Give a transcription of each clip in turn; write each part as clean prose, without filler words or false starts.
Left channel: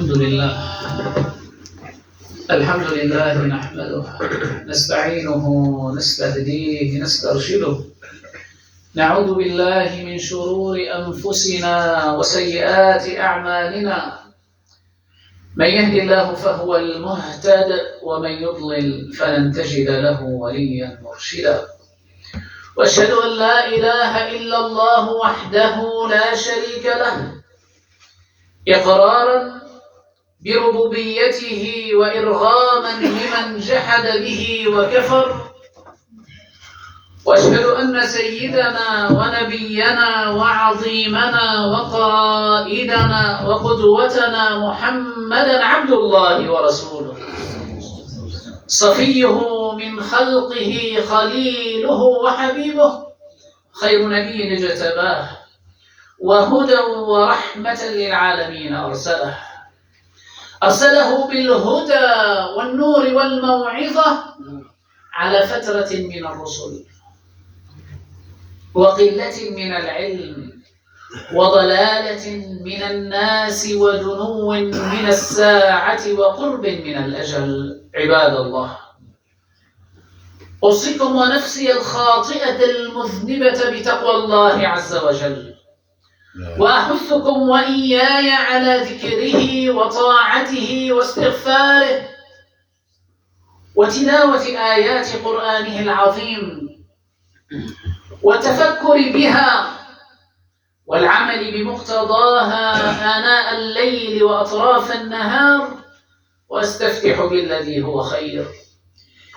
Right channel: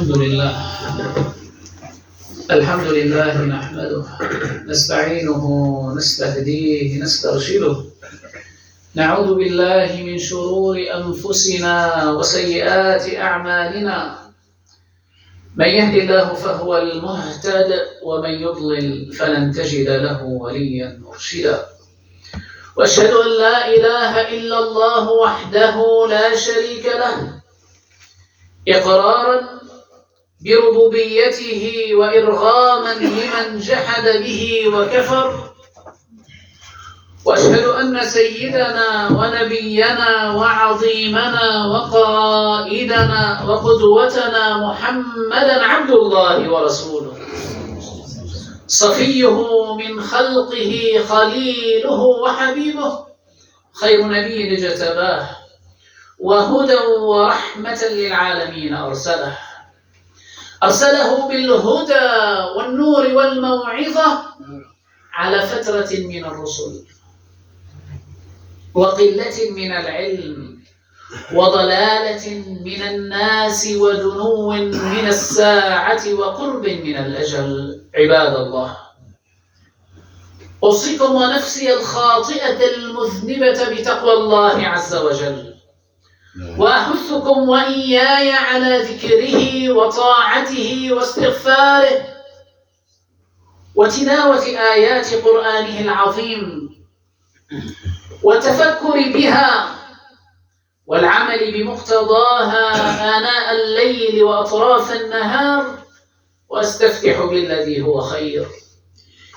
الحمد لله نحمده نستعينه نستهديه نسترشده نعوذ بالله من شرور أنفسنا وسيئات أعمالنا من يهد الله فهو المهتد ومن يضلل فلن تجد له وليا مرشدا وأشهد أن لا إله إلا الله وحده لا شريك له إقرارا بربوبيته وإرغاما لمن جحد به وكفر وأشهد أن سيدنا ونبينا وعظيمنا وقائدنا وقدوتنا محمدا عبد الله ورسوله صفيه من خلقه خليله وحبيبه خير نبي اجتباه وهدى ورحمة للعالمين أرسله بالهدى والنور والموعظة على فترة من الرسل وقلة من العلم وضلالة من الناس ودنو من الساعة وقرب من الأجل. عباد الله، أوصيكم ونفسي الخاطئة المذنبة بتقوى الله عز وجل، وأحثكم وإياي على ذكره وطاعته واستغفاره وتلاوة آيات قرآنه العظيم والتفكر بها والعمل بمقتضاها آناء الليل وأطراف النهار، وأستفتح بالذي هو خير.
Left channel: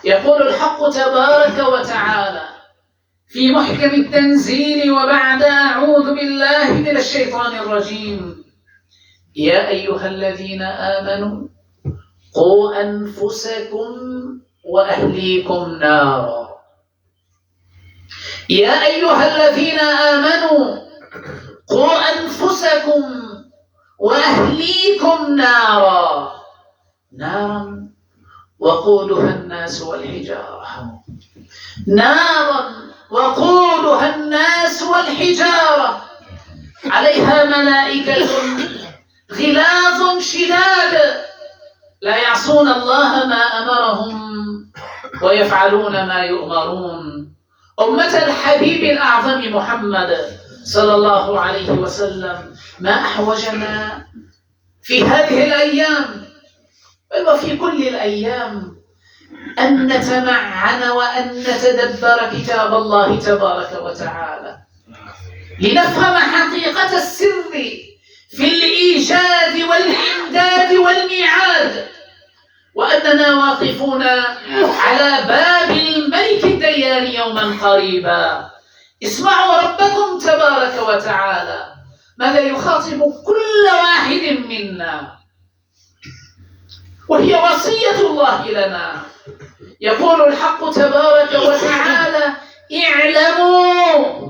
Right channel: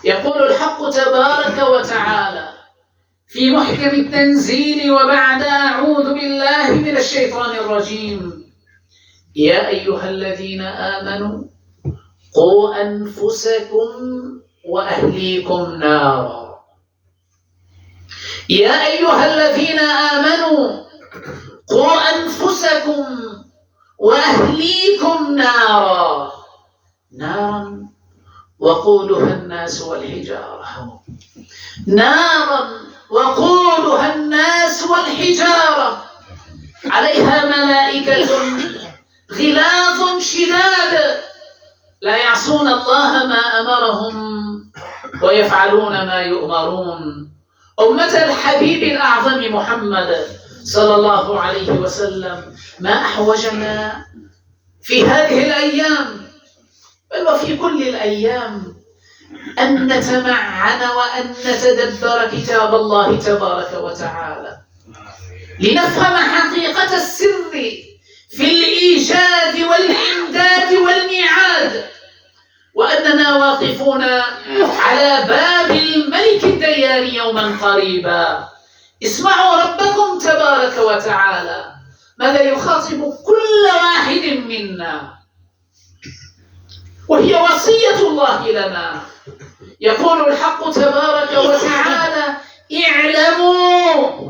يقول الحق تبارك وتعالى في محكم التنزيل وبعد أعوذ بالله من الشيطان الرجيم: يا أيها الذين آمنوا قوا أنفسكم وأهليكم نارا. يا أيها الذين آمنوا قوا أنفسكم وأهليكم نارا وقودها الناس والحجارة. نارا وقودها الناس والحجارة عليها ملائكة غلاظ شداد لا يعصون الله ما أمرهم ويفعلون ما يؤمرون. أمة الحبيب الأعظم محمد صلى الله عليه وسلم، ما أحوجنا في هذه الأيام بل وفي كل الأيام أن نتمعن وأن نتدبر كتاب الله تبارك وتعالى لنفهم حقيقة السر في الإيجاد والإمداد والميعاد، وأننا واقفون على باب الملك الديان يوما قريبا. اسمعوا ربكم تبارك وتعالى ماذا يخاطب كل واحد منا، وهي وصية الله لنا. يقول الحق تبارك وتعالى: اعلموا،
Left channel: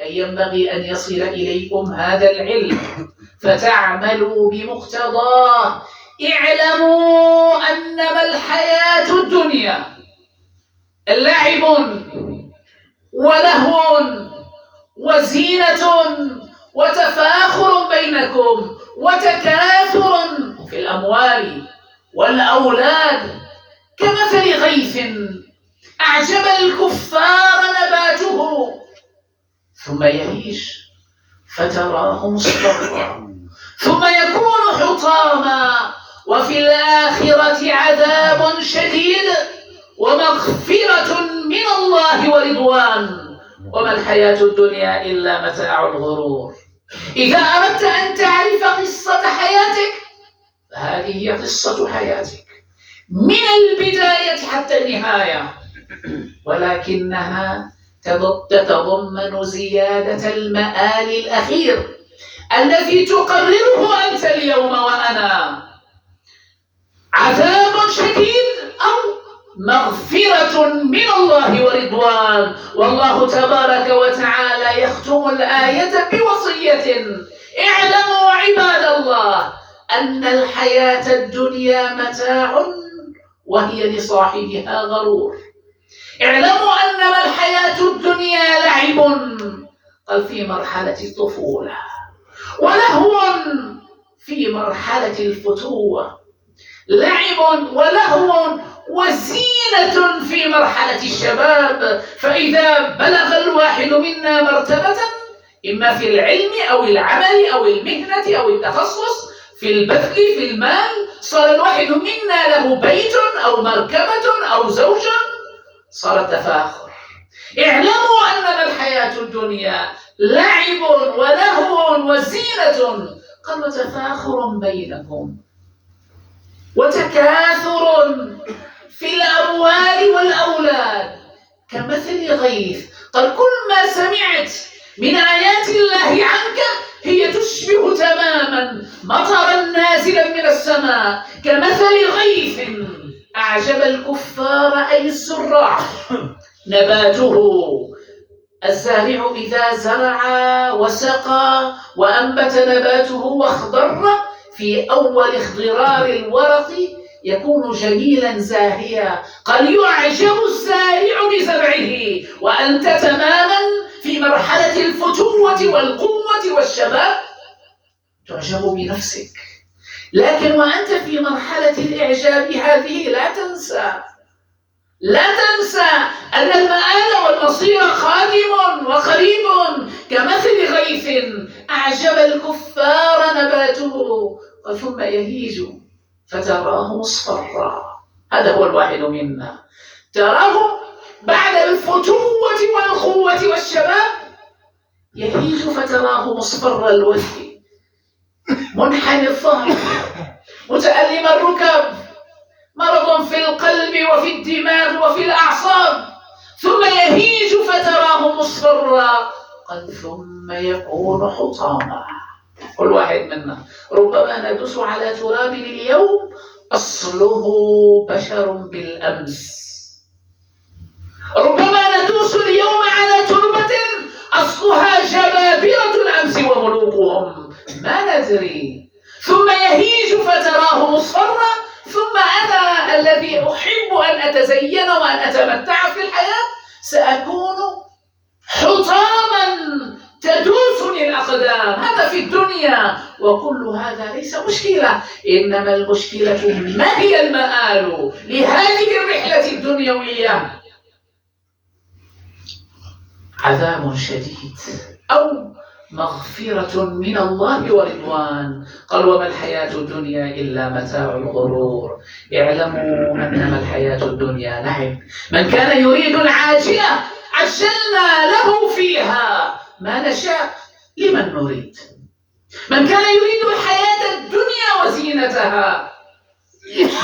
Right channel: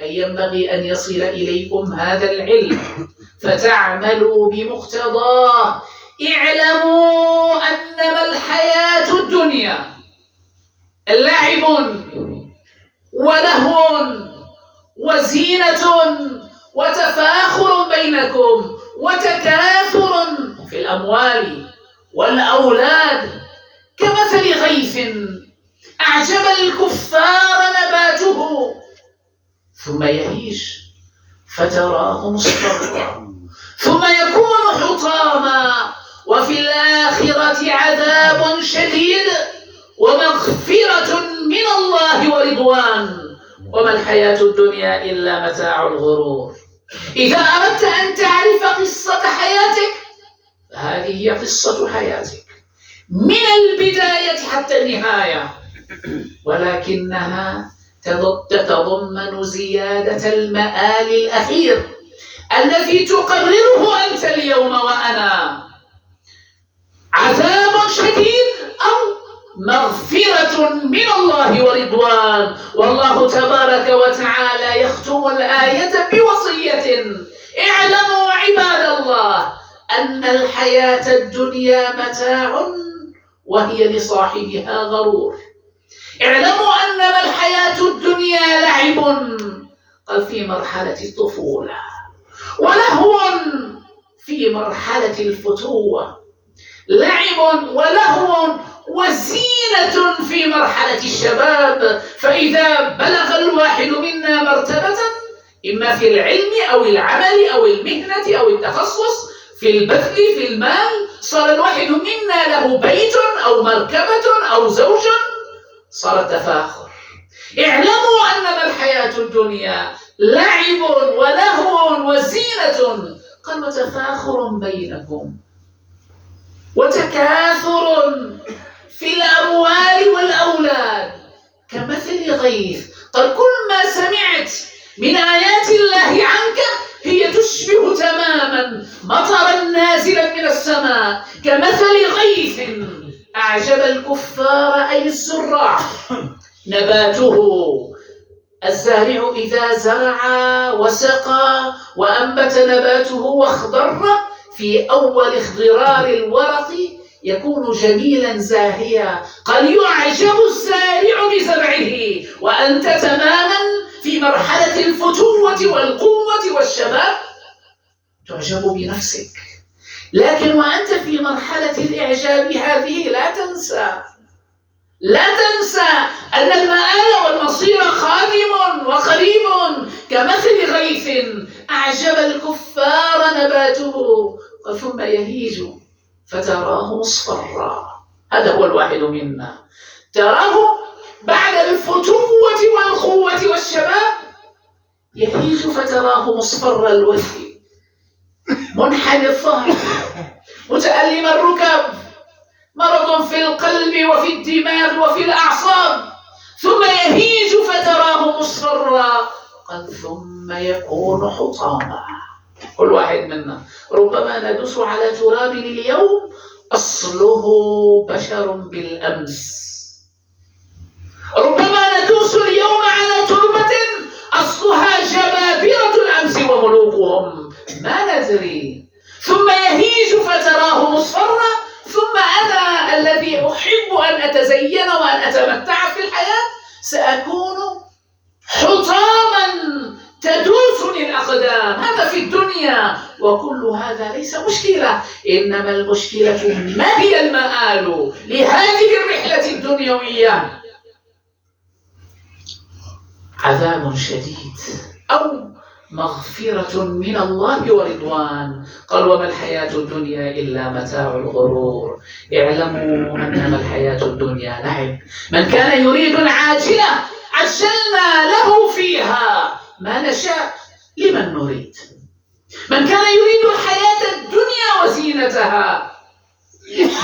أي ينبغي أن يصل إليكم هذا العلم فتعملوا بمقتضاه. اعلموا أنما الحياة الدنيا لعب ولهو وزينة وتفاخر بينكم وتكاثر في الأموال والأولاد كمثل غيث أعجب الكفار نباته ثم يهيج فتراه مصفرا ثم يكون حطاما وفي الآخرة عذاب شديد ومغفرة من الله ورضوان وما الحياة الدنيا إلا متاع الغرور. إذا أردت أن تعرف قصة حياتك فهذه هي قصة حياتك من البداية حتى النهاية، ولكنها تتضمن زيادة المآل الأخير الذي تقرره أنت اليوم وأنا: عذاب شديد أو مغفرة من الله ورضوان. والله تبارك وتعالى يختم الآية بوصية: اعلموا عباد الله أن الحياة الدنيا متاع وهي لصاحبها غرور. اعلموا أنما الحياة الدنيا لعب، قال في مرحلة الطفولة، ولهو في مرحلة الفتوة، لعب ولهو وزينة في مرحلة الشباب. فإذا بلغ الواحد منا مرتبة إما في العلم أو العمل أو المهنة أو التخصص، في البذل في المال، صار الواحد منا له بيت أو مركبة أو زوج، صار التفاخر. اعلموا أنما الحياة الدنيا لعب ولهو وزينة، قال وتفاخر بينكم وتكاثر في الأموال والأولاد كمثل غيث. قال كل ما سمعت من آيات الله عنك هي تشبه تماما مطرا نازلا من السماء كمثل غيث أعجب الكفار أي الزراع نباته. الزارع إذا زرع وسقى وأنبت نباته واخضر في أول اخضرار الورق يكون جميلا زاهيا. قال يعجب الزارع بزرعه وأنت تماما في مرحلة الفتوة والقوة والشباب تعجب بنفسك. لكن وأنت في مرحلة الإعجاب هذه لا تنسى أن المآل والمصير قادم وقريب كمثل غيث أعجب الكفار نباته ثم يهيج فتراه مصفرا. هذا هو الواحد منا، تراه بعد الفتوة والقوة والشباب يهيج فتراه مصفر الوجه منحني الظهر متألم الركب، مرض في القلب وفي الدماغ وفي الأعصاب، ثم يهيج فتراه مصفرا. قال ثم يكون حطاما. كل واحد منا ربما ندوس على تراب اليوم أصله بشر بالأمس، ربما ندوس اليوم على تربة أصلها جبابرة الأمس وملوكهم ما ندري. ثم يهيج فتراه مصفرا. ثم أنا الذي أحب أن أتزين وأن أتمتع في الحياة سأكون حطاما تدوسني الأقدام. هذا في الدنيا، وكل هذا ليس مشكلة، إنما المشكلة ما هي المآل لهذه الرحلة الدنيوية؟ عذاب شديد أو مغفرة من الله ورضوان. قال وما الحياة الدنيا إلا متاع الغرور. اعلموا أنما الحياة الدنيا لعب. من كان يريد العاجلة عجلنا له فيها ما نشاء لمن نريد. من كان يريد الحياة الدنيا وزينتها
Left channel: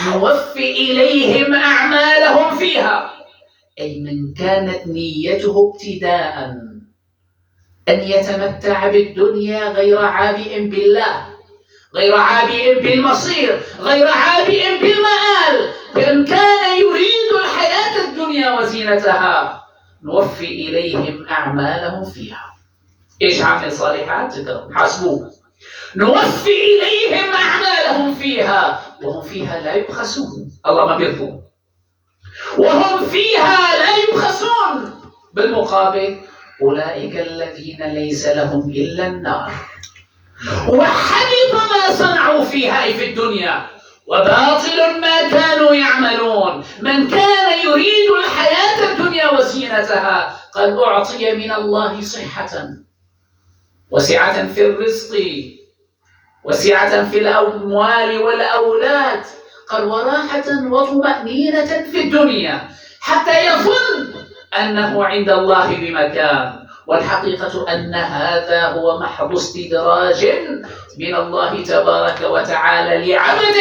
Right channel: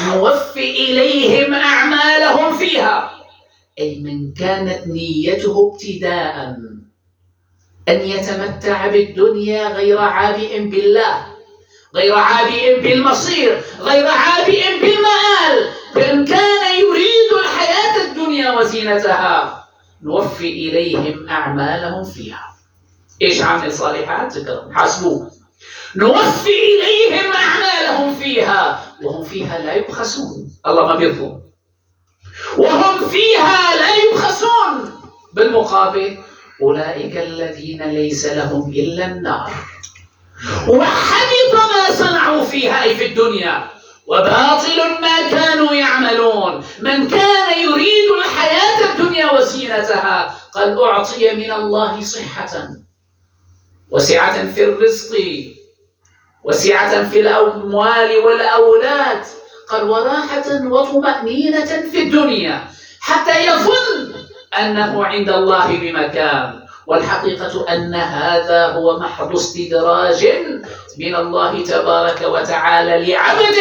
نوفي إليهم أعمالهم فيها. أي من كانت نيته ابتداءً أن يتمتع بالدنيا غير عابئ بالله، غير عابئ بالمصير، غير عابئ بالمآل، فإن كان يريد الحياة الدنيا وزينتها نوفي إليهم أعمالهم فيها. إيش عمل صالحات؟ حاسبوه. نوفي إليهم أعمالهم فيها وهم فيها لا يبخسون. الله ما بيظلم، وهم فيها لا يبخسون. بالمقابل أولئك الذين ليس لهم إلا النار وحبط ما صنعوا فيها أي في الدنيا وباطل ما كانوا يعملون. من كان يريد الحياة الدنيا وزينتها قد أعطي من الله صحة وسعة في الرزق وسعة في الأموال والأولاد، قال وراحة وطمأنينة في الدنيا حتى يظن أنه عند الله بمكان، والحقيقة أن هذا هو محض استدراج من الله تبارك وتعالى لعبد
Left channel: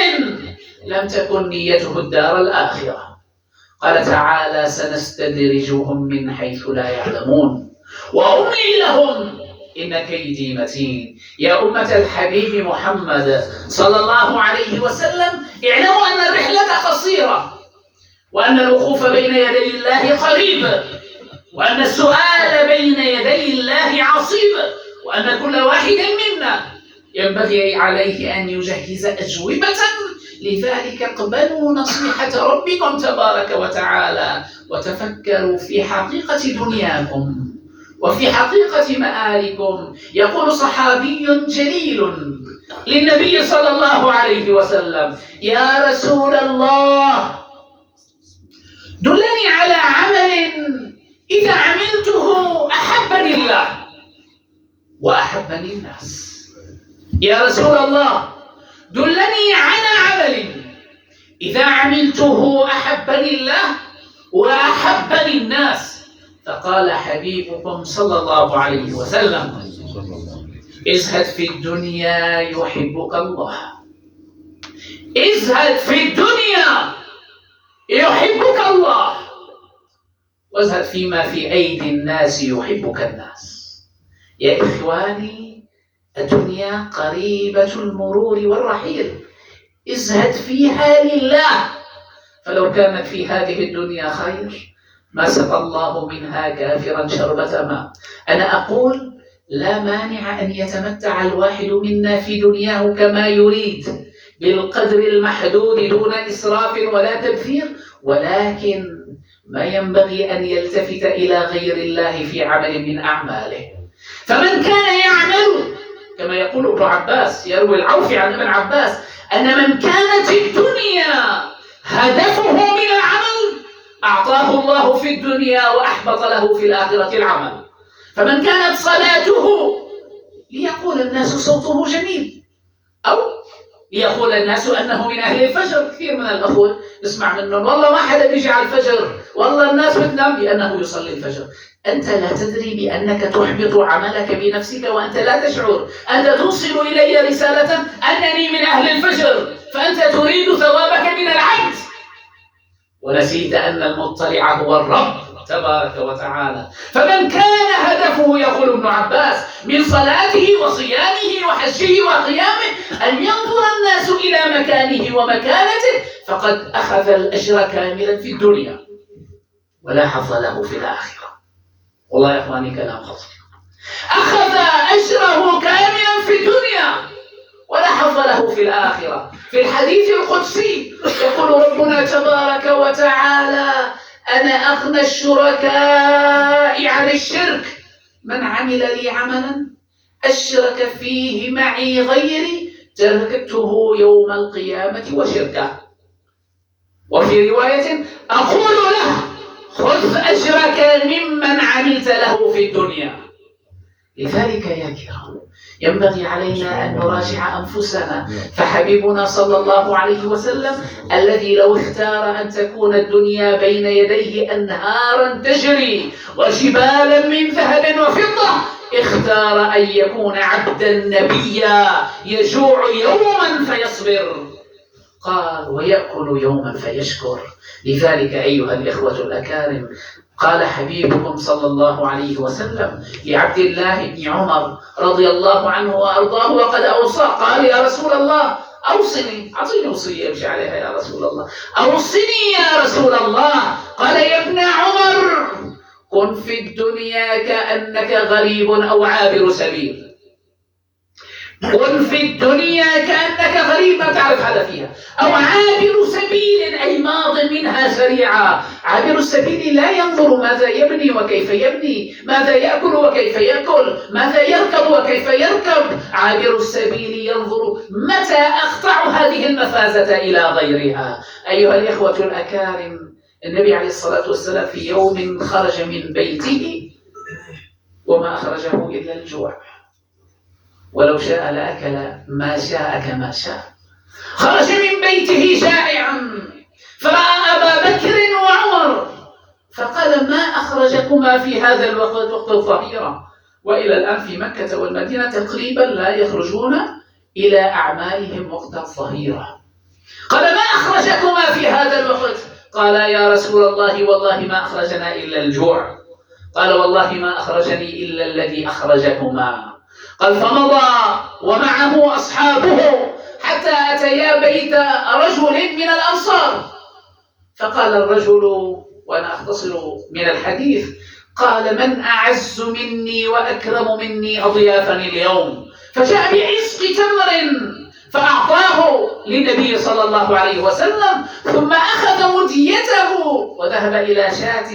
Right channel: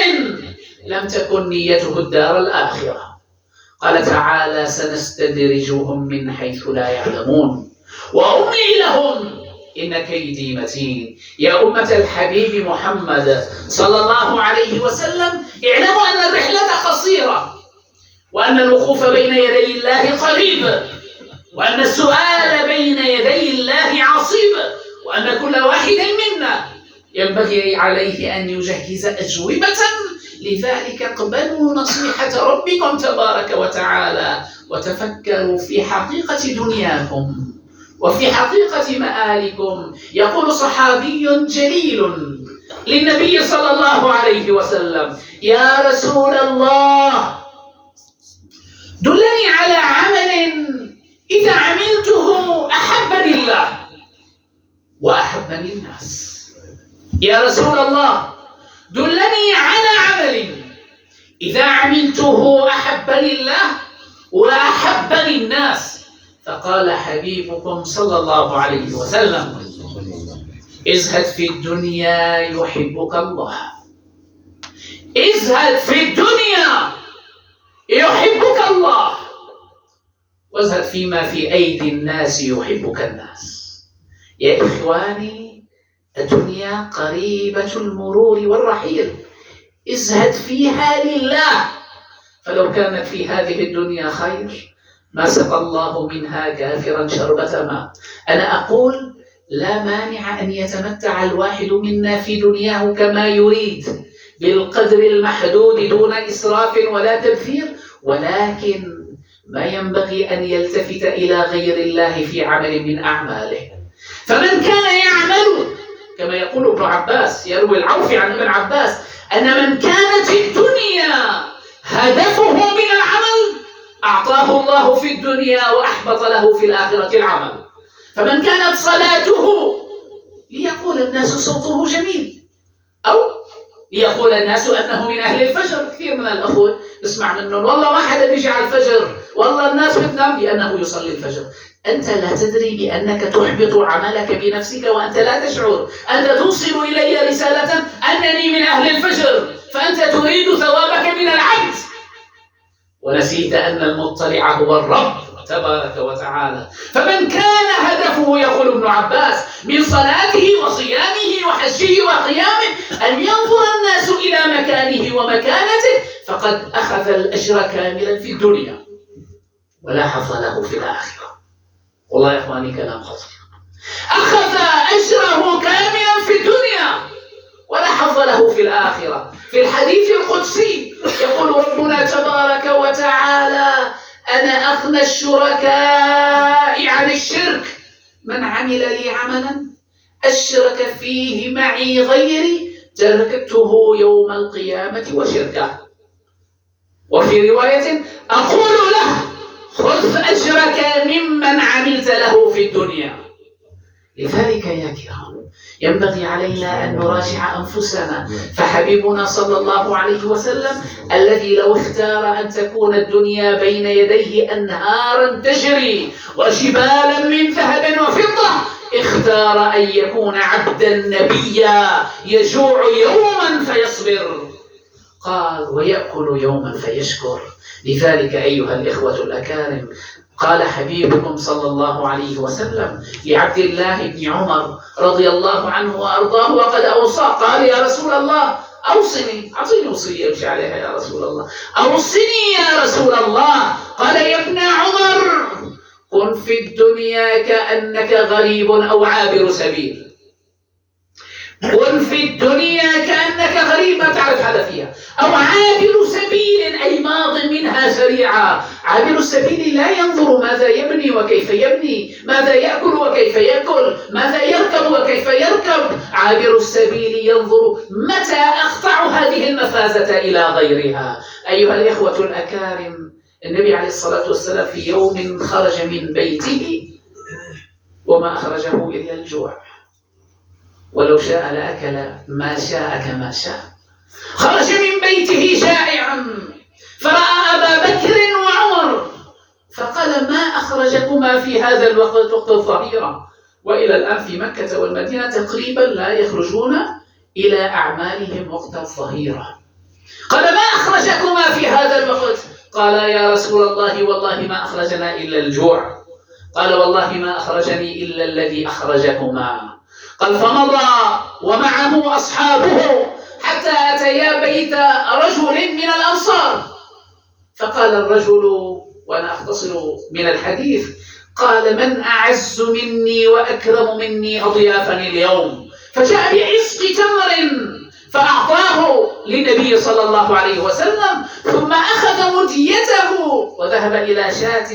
لم تكن نيته الدار الآخرة. قال تعالى سنستدرجهم من حيث لا يعلمون وأملي لهم إن كيدي متين. يا أمة الحبيب محمد صلى الله عليه وسلم اعلموا أن الرحلة قصيرة، وأن الوقوف بين يدي الله قريب، وأن السؤال بين يدي الله عصيب، وأن كل واحد منا ينبغي عليه أن يجهز أجوبة. لذلك اقبلوا نصيحة ربكم تبارك وتعالى وتفكروا في حقيقة دنياكم وفي حقيقة مآلكم. يقول صحابي جليل للنبي صلى الله عليه وسلم: يا رسول الله، دلني على عمل إذا عملته أحبني الله وأحبني الناس. يا رسول الله، دلني على عمل إذا عملته أحبني الله وأحبني الناس. فقال حبيبكم صلى الله عليه وسلم: ازهد في الدنيا يحبك الله. ازهد في الدنيا يحبك الله، وازهد فيما في أيدي الناس يحبك الناس. يا إخواني، الدنيا قريبة المرور والرحيل، ازهد فيها لله، فلو كانت في هذه الدنيا خير ما سقى الله منها كافرا شربة ماء. أنا أقول لا مانع أن يتمتع الواحد منا في دنياه كما يريد بالقدر المحدود دون إسراف ولا تبذير، ولكن ما ينبغي أن يلتفت إلى غير الله في عمل من أعماله. فمن كان يعمل كما يقول ابن عباس، يروي العوفي عن ابن عباس أن من كانت الدنيا هدفه من العمل أعطاه الله في الدنيا وأحبط له في الآخرة العمل. فمن كانت صلاته ليقول الناس صوته جميل، أو ليقول الناس أنه من أهل الفجر. كثير من الأخوة نسمع منهم: والله ما حدا بيجي على الفجر، والله الناس بتنام، لأنه يصلي الفجر. أنت لا تدري بأنك تحبط عملك بنفسك وأنت لا تشعر. أنت توصل إلي رسالة أنني من أهل الفجر، فأنت تريد ثوابك من العبد، ونسيت أن المطلع هو الرب تبارك وتعالى. فمن كان هدفه، يقول ابن عباس، من صلاته وصيامه وحجه وقيامه أن ينظر الناس إلى مكانه ومكانته، فقد أخذ الأجر كاملا في الدنيا ولا حظ له في الآخرة. والله يا إخواني كلام خطير. أخذ أجره كاملا في الدنيا ولا حظ له في الآخرة. في الحديث القدسي يقول ربنا تبارك وتعالى: أنا أغنى الشركاء عن الشرك، من عمل لي عملا أشرك فيه معي غيري تركته يوم القيامة وشركه. وفي رواية: أقول له خذ أجرك ممن عملت له في الدنيا. لذلك يا كرام ينبغي علينا أن نراجع أنفسنا، فحبيبنا صلى الله عليه وسلم الذي لو اختار أن تكون الدنيا بين يديه أنهارا تجري وجبالا من ذهب وفضة، اختار أن يكون عبدا نبيا يجوع يوما فيصبر، قال ويأكل يوما فيشكر. لذلك أيها الإخوة الأكارم، قال حبيبكم صلى الله عليه وسلم لعبد الله بن عمر رضي الله عنه وأرضاه وقد أوصى، قال: يا رسول الله أوصني، أعطيني وصية أمشي عليها يا رسول الله، أوصني يا رسول الله. قال: يا ابن عمر، كن في الدنيا كأنك غريب أو عابر سبيل. كن في الدنيا كأنك غريب، ما تعرف هذا فيها، أو عابر سبيل أي ماض منها سريعا. عابر السبيل لا ينظر ماذا يبني وكيف يبني، ماذا يأكل وكيف يأكل، ماذا يركب وكيف يركب. عابر السبيل ينظر متى أقطع هذه المفازة إلى غيرها. أيها الإخوة الأكارم، النبي عليه الصلاة والسلام في يوم خرج من بيته وما أخرجه إلا الجوع، ولو شاء لأكل ما شاء كما شاء. خرج من بيته جائعا فرأى أبا بكر وعمر فقال: ما أخرجكما في هذا الوقت، وقت الظهيرة؟ وإلى الآن في مكة والمدينة تقريبا لا يخرجون إلى أعمالهم وقت الظهيرة. قال: ما أخرجكما في هذا الوقت؟ قال: يا رسول الله والله ما أخرجنا إلا الجوع. قال: والله ما أخرجني إلا الذي أخرجكما. قال: فمضى ومعه أصحابه حتى أتيا بيت رجل من الأنصار، فقال الرجل، وأنا أختصر من الحديث، قال: من أعز مني وأكرم مني أضيافني اليوم؟ فجاء بعزق تمر فأعطاه للنبي صلى الله عليه وسلم، ثم أخذ مديته وذهب إلى شاة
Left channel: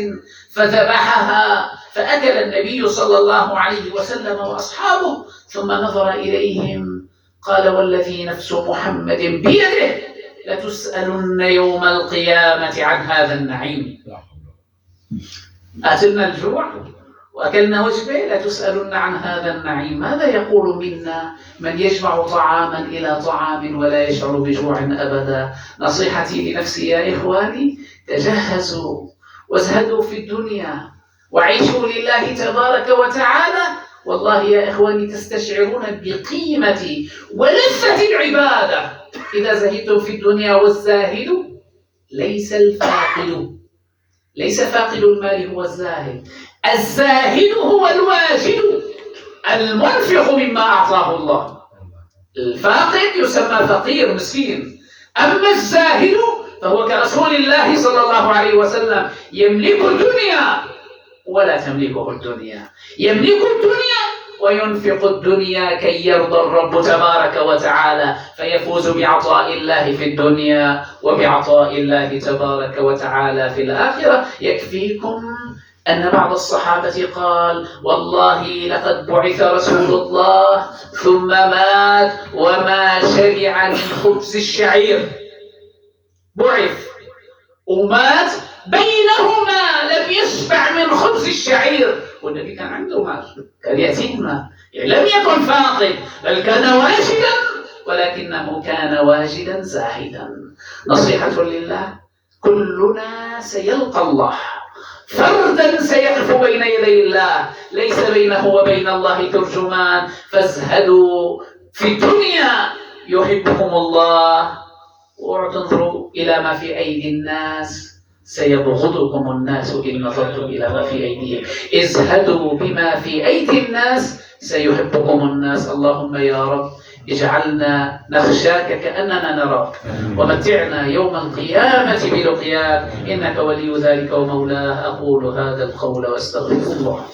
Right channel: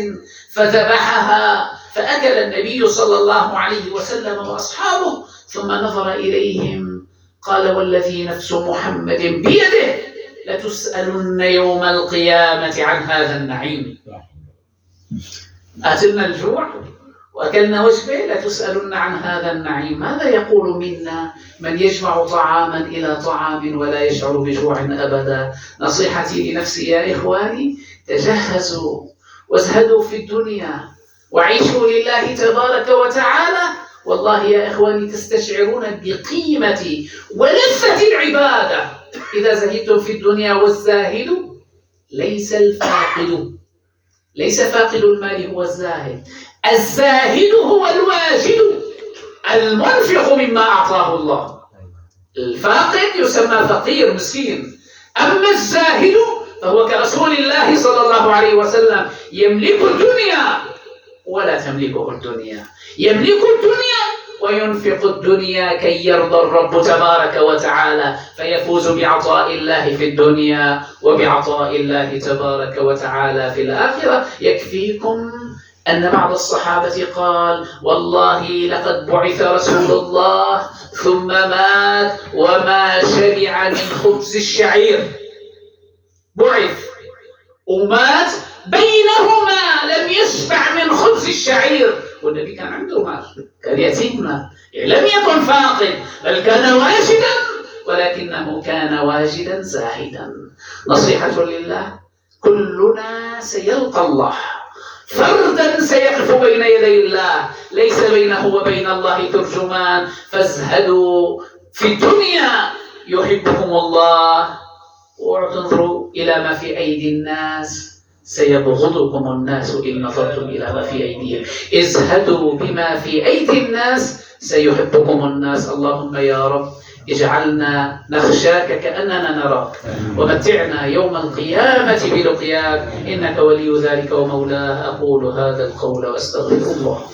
فذبحها، فأكل النبي صلى الله عليه وسلم وأصحابه، ثم نظر إليهم قال والذي نفس محمد بيده لتسألن يوم القيامة عن هذا النعيم. أتلنا الجوع وأكلنا وجبة، لتسألن عن هذا النعيم. ماذا يقول منا من يجمع طعاما إلى طعام ولا يشعر بجوع أبدا؟ نصيحتي لنفسي يا إخواني، تجهزوا وازهدوا في الدنيا وعيشوا لله تبارك وتعالى. والله يا إخواني تستشعرون بقيمة ولذة العبادة إذا زهدتم في الدنيا. والزاهد ليس الفاقد، ليس فاقد المال هو الزاهد، الزاهد هو الواجد المنفق مما أعطاه الله. الفاقد يسمى فقير مسكين، أما الزاهد فهو كرسول الله صلى الله عليه وسلم يملك الدنيا ولا تملكه الدنيا، يملك الدنيا وينفق الدنيا كي يرضى الرب تبارك وتعالى، فيفوز بعطاء الله في الدنيا وبعطاء الله تبارك وتعالى في الآخرة. يكفيكم أن بعض الصحابة قال والله لقد بعث رسول الله ثم مات وما شبع من خبز الشعير. بعث ومات بينهما لم يشبع من خبز الشعير، والنبي كان عنده مال، كان يتيم، لم يكن فاقد بل كان واجدا، ولكنه كان واجدا زاهدا. نصيحة لله، كلنا سيلقى الله، فردا سيقف بين يدي الله، ليس بينه وبين الله ترجمان. فازهدوا في الدنيا يحبكم الله، وانظروا إلى ما في أيدي الناس سيبغضكم الناس إن نظرتم إلى ما في أيديهم. ازهدوا بما في أيدي الناس سيحبكم الناس. اللهم يا رب اجعلنا نخشاك كأننا نراك، ومتعنا يوم القيامة بلقياك، إنك ولي ذلك ومولاه. أقول هذا القول وأستغفر الله.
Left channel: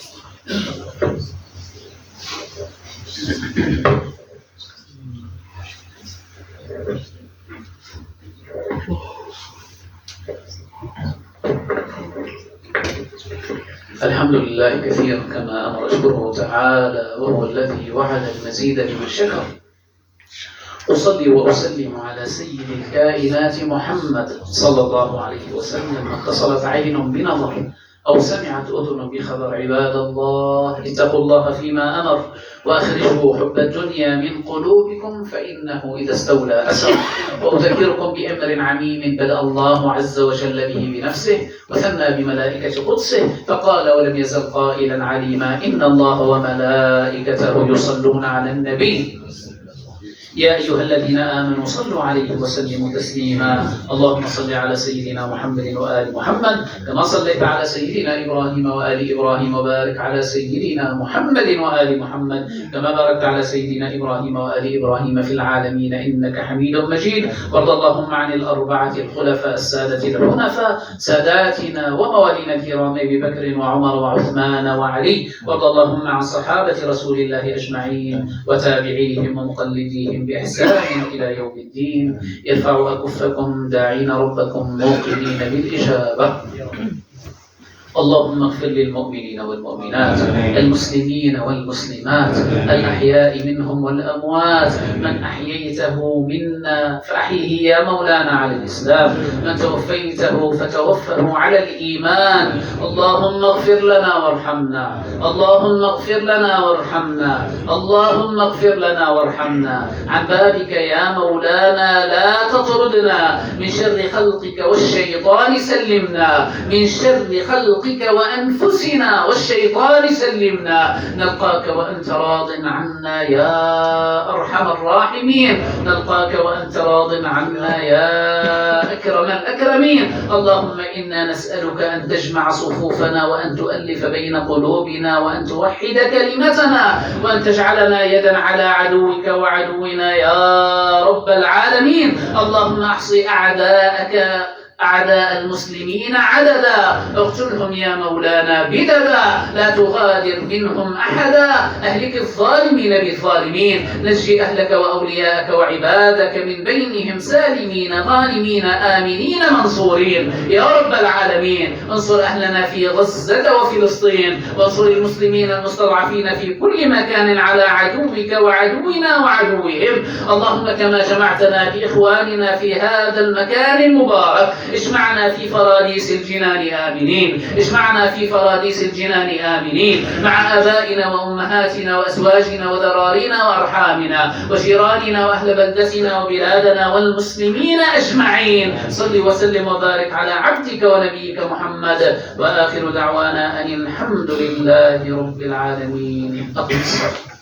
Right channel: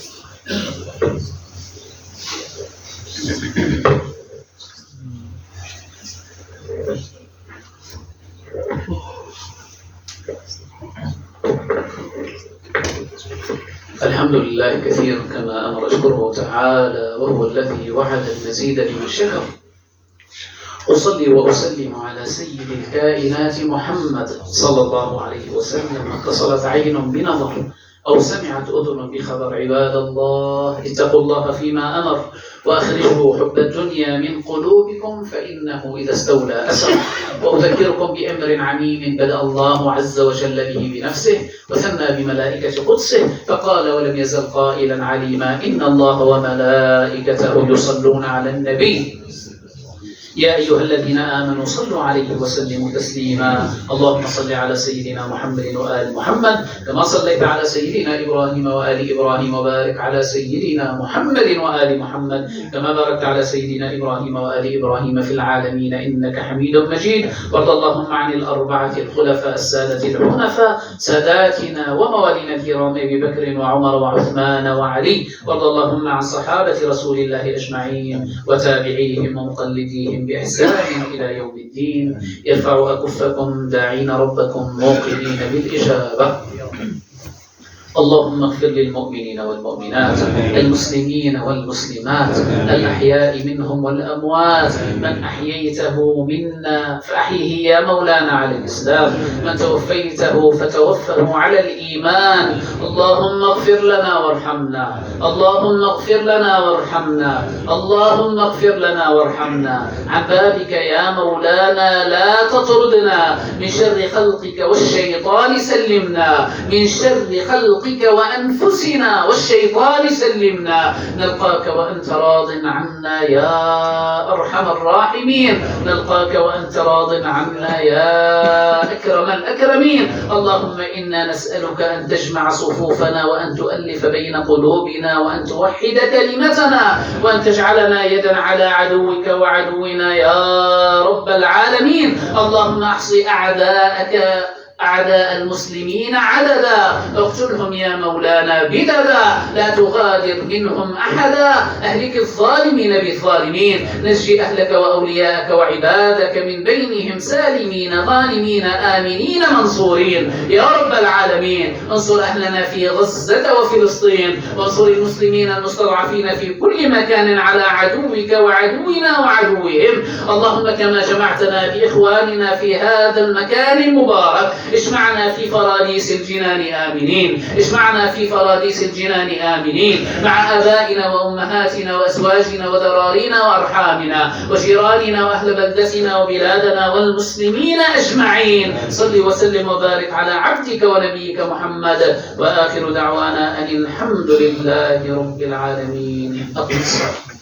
الحمد لله كثيرا كما أمر أشكره تعالى، وهو الذي وعد المزيد لمن شكر. أصلي وأسلم على سيد الكائنات محمد صلى الله عليه وسلم. اتصلت عين بنظر أو سمعت أذن بخبر. عباد الله اتقوا الله فيما أمر، وأخرجوا حب الدنيا من قلوبكم فإنه إذا استولى أسر. وأذكركم بأمر عميم بدأ الله عز وجل به بنفسه وثنى بملائكة قدسه، فقال ولم يزل قائلا عليما: إن الله وملائكته يصلون على النبي يا أيها الذين آمنوا صلوا عليه وسلموا تسليما. اللهم صل على سيدنا محمد وآل محمد كما صليت على سيدنا إبراهيم وآل إبراهيم، وبارك على سيدنا محمد وآل محمد كما باركت على سيدنا إبراهيم وآل إبراهيم في العالمين إنك حميد مجيد. وارض اللهم عن الأربعة الخلفاء السادة الحنفاء ساداتنا وموالينا الكرام أبي بكر وعمر وعثمان وعلي. وارض اللهم عن صحابة رسول الله أجمعين وتابعيهم ومقلديهم بإحسان إلى يوم الدين. ارفعوا أكفكم داعين ربكم موقنين بالإجابة. اللهم اغفر للمؤمنين والمؤمنات، المسلمين والمسلمات، الأحياء منهم والأموات. من أحييته منا فأحيه يا مولانا على الإسلام، من توفيته فتوفه على الإيمان. اللهم اغفر لنا وارحمنا، اللهم اغفر لنا وارحمنا، اللهم اغفر لنا وارحمنا. عن بابك يا مولانا لا تطردنا، من شر خلقك والشيطان سلمنا، من شر خلقك وأنفسنا والشيطان سلمنا. نلقاك وأنت راض عنا يا أرحم الراحمين، نلقاك وأنت راض عنا يا أكرم الأكرمين. اللهم إنا نسألك أن تجمع صفوفنا وأن تؤلف بين قلوبنا وأن توحد كلمتنا وأن تجعلنا يدا على عدوك وعدونا يا رب العالمين. اللهم أحصي أعداءك أعداء المسلمين عددا، اقتلهم يا مولانا بددا، لا تغادر منهم أحدا، أهلك الظالمين بالظالمين، نجي أهلك وأولياءك وعبادك من بينهم سالمين غانمين آمنين منصورين يا رب العالمين. انصر أهلنا في غزة وفلسطين، وانصر المسلمين المستضعفين في كل مكان على عدوك وعدونا وعدوهم. اللهم كما جمعتنا بإخواننا في هذا المكان المبارك، اجمعنا في فراديس الجنان آمنين، اجمعنا في فراديس الجنان آمنين مع آبائنا وأمهاتنا وأزواجنا وذرارينا وأرحامنا وجيراننا وأهل بلدتنا وبلادنا والمسلمين أجمعين. صل وسلم وبارك على عبدك ونبيك محمد، وآخر دعوانا أن الحمد لله رب العالمين. أقم الصلاة.